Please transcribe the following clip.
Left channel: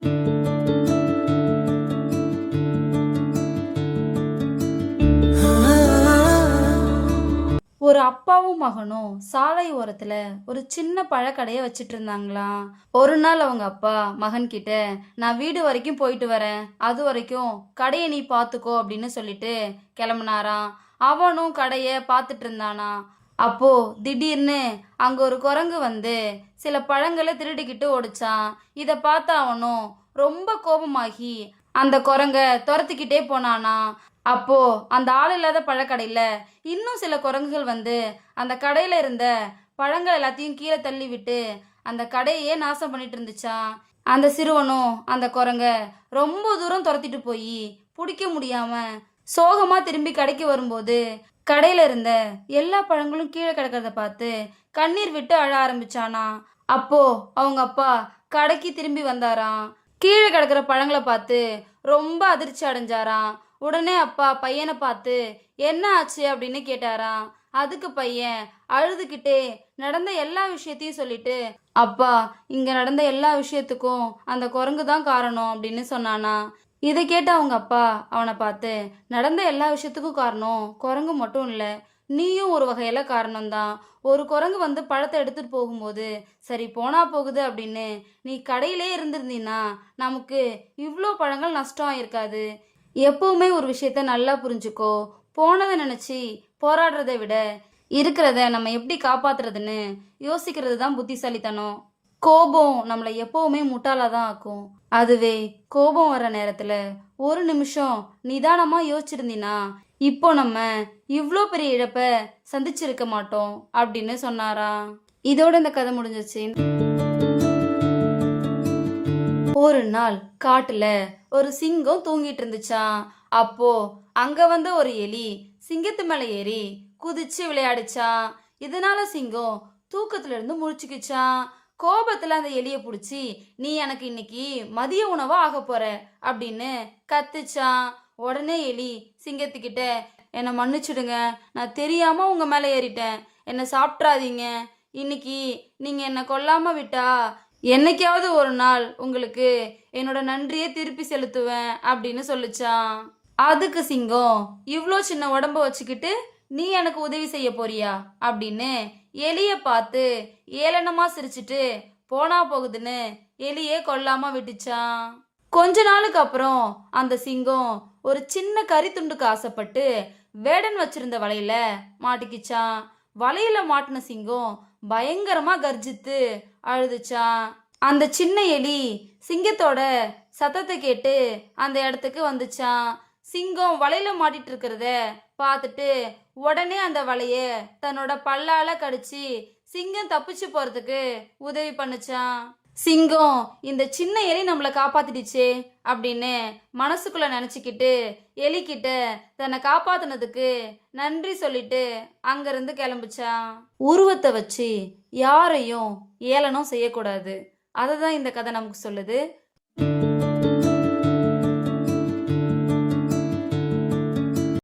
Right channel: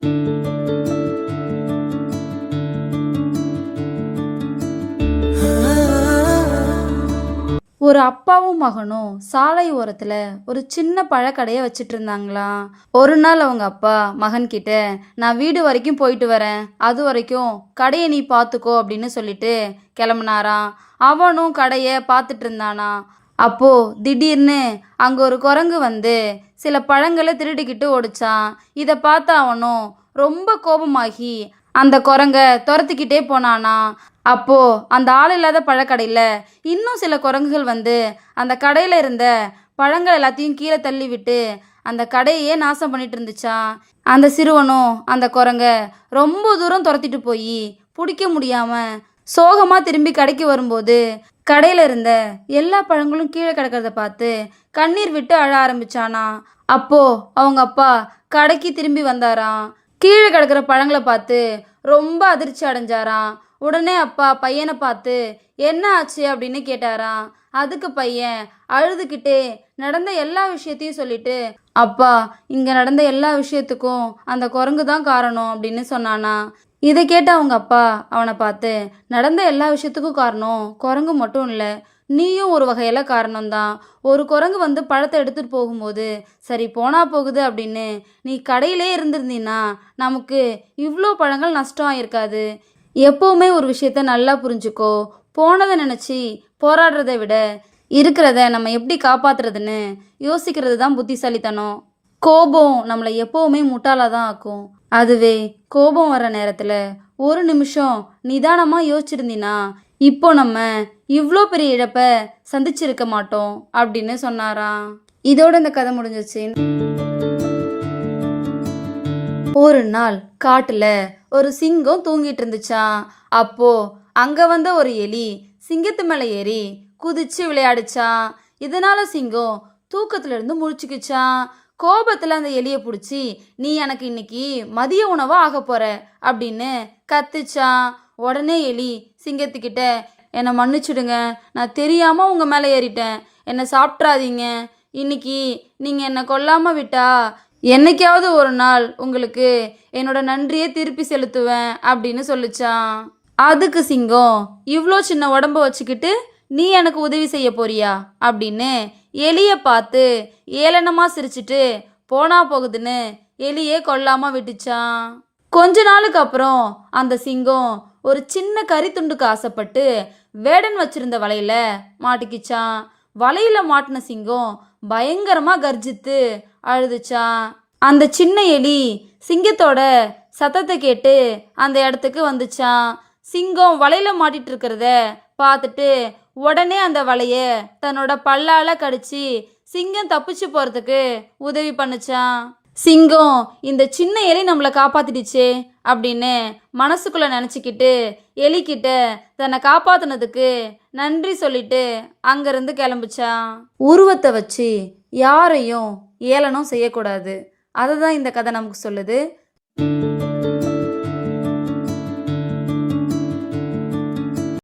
ஒரு அப்பாவும் மகனும் சாலை ஓரத்துல ஒரு சின்ன பழக்கடையை வச்சிட்டு இருந்தாங்களாம். ஒரு நாள் அவங்க அப்பா மகன் கிட்ட, நான் வீடு வரைக்கும் போயிட்டு வரேன், அது வரைக்கும் கடையை நீ பார்த்துக்கோ அப்படின்னு சொல்லிட்டு கிளம்புனாராம். அவனும் கடையை பார்த்துட்டு இருந்தானா. அப்போ திடீர்னு அங்க ஒரு குரங்கு வந்து சில பழங்களை திருடிக்கிட்டு ஓடிச்சான். இதை பார்த்த அவனும் ரொம்ப கோபமாகி அந்த குரங்க துரத்திக்கிட்டே போனானா. அப்போ அந்த ஆள் இல்லாத பழக்கடையில் இன்னும் சில குரங்குகள் வந்து அந்த கடையில் இருந்த பழங்கள் எல்லாத்தையும் கீழே தள்ளி விட்டு அந்த கடையே நாசம் பண்ணிட்டு இருந்துச்சான். அந்த சிறுவனும் அந்த குரங்க ரொம்ப தூரம் துரத்திட்டு போய் பிடிக்க முடியாம சோகமா திரும்பி கடைக்கு வரும்போது கடையில இருந்த எல்லா பழங்களும் கீழே கிடக்கிறத பார்த்து கண்ணீர் விட்டு அழ ஆரம்பிச்சானா. அப்போ அவங்க அப்பா கடைக்கு திரும்பி வந்தாராம். கீழே கிடக்கிற பழங்களை பார்த்து ரொம்ப அதிர்ச்சி அடைஞ்சாராம். உடனே அப்பா பையனை பார்த்து என்ன ஆச்சு அப்படின்னு கேட்டாராம். அதுக்கு பையன் அழுதுகிட்டே நடந்த எல்லா விஷயத்தையும் சொல்லிட்டு, அப்பா இங்க நடந்த எல்லா விஷயத்துக்கும் அந்த குரங்கு தான் காரணம் அப்படின்னு சொன்னானா. இதை கேட்ட அவங்க அப்பா அவனை பார்த்து, நடந்த எல்லா விஷயத்துக்கும் காரணம் குரங்கு மட்டும் இல்லை, நீயும் ஒரு வகையில காரணம்தான். ஒரு குரங்கு வந்து பழத்தை எடுத்துட்டு போகும்போது சரி போனா போகுது அப்படின்னு நீ கடையிலே இருந்திருந்தீன்னா நமக்கு இவ்வளோ பழங்கள் நஷ்டம் ஆயிருக்காது. எப்போவுமே ஒரு விஷயத்த நல்லா புரிஞ்சுக்கோ. போனதை நினச்சி போராடுறதை விட இருக்கிறத நம்ம எப்படி காப்பாத்துறதுன்னு யோசிக்கிறது தான் புத்திசாலித்தனம். கோபம் நம்மளை எப்போவுமே முட்டாளாக தான் ஆக்கும். அதுவே கோபம் வர நேரத்தில் ஒரு நிமிஷம் நிதானமாக யோசிச்சிருந்தீன்னா இப்போ நம்ம இவ்வளோ பெரிய இழப்பை சந்திச்சிருக்க மாட்டோம் அப்படின்னு சொன்னாராம். இதோட இந்த கதை முடிஞ்சிச்சு. ஒரு நாள் காட்டுல ஒரு சிங்கம் தூங்கிட்டு இருந்துச்சான். அப்போ அங்க வந்த ஒரு எலி சிங்கத்து மேல ஏறி குதிச்சு விளையாடுச்சான். இதனால சிங்கம் தூக்கத்துல இருந்து முழிச்சுக்குச்சான். கோபத்துல அந்த எலியை பிடிச்சி, நீ எனக்கு இன்னைக்கு மதிய உணவா ஆக போற அப்படின்னு கத்துச்சான். உடனே எலி சிங்கத்துக்கிட்ட, என்னை மன்னிச்சிடுங்க, நான் தெரியாம உங்க மேல ஏறிட்டேன், என்னை சாப்பிட்றாதீங்க, இன்னைக்கு நீங்க என்னை கொல்லாம விட்டா என்னைக்காவது ஒரு நாள் உங்களுக்கு என்னோட நன்றியை திருப்பி செலுத்துவேன் அப்படின்னு சொல்லிச்சான். அதுக்கு சிங்கம், இவ்வளோ சின்ன உடம்ப வச்சுக்கிட்டு நீ எனக்கு உதவி செய்ய போறியா அப்படின்னு எலியை பார்த்து ஏளனமா சிரிச்சிட்டு போனா போகுதுன்னு எலியே கொல்லாம விட்டுச்சான். கொஞ்ச நாளுக்கு அப்புறம் அந்த சிங்கம் ஒரு சின்ன கறி துண்டுக்கு ஆசைப்பட்டு வேடன் வச்சிருந்த வலையில மாட்டிக்கிச்சான். வலையில மாட்டின சிங்கம் பயங்கரமா கர்ஜித்து அழுதுச்சான். அந்த சின்ன எலி சிங்கத்தோட சத்தத்தை கேட்டு அந்த இடத்துக்கு வந்துச்சான். சிங்கம் வலையில மாட்டிட்டு இருக்கிறத பார்த்துட்டு உடனே அந்த வலைய தன்னோட பல்லால கடிச்சு சிங்கம் தப்பிச்சு போறதுக்கு உதவி பண்ணுச்சான். சிங்கம் இந்த சின்ன எலி நம்மளை காப்பாத்திடுச்சே அப்படின்னு மனசுக்குள்ள நினச்சிக்கிட்டு எலிக்கிட்ட தன்னை காப்பாத்தினதுக்கு நன்றி சொல்லிட்டு அங்கிருந்து கிளம்புச்சான். உருவத்தை வச்சு யாரையும் ஏளனம் செய்யக்கூடாது. அதை தான் இந்த கதை நமக்கு சொல்லுது.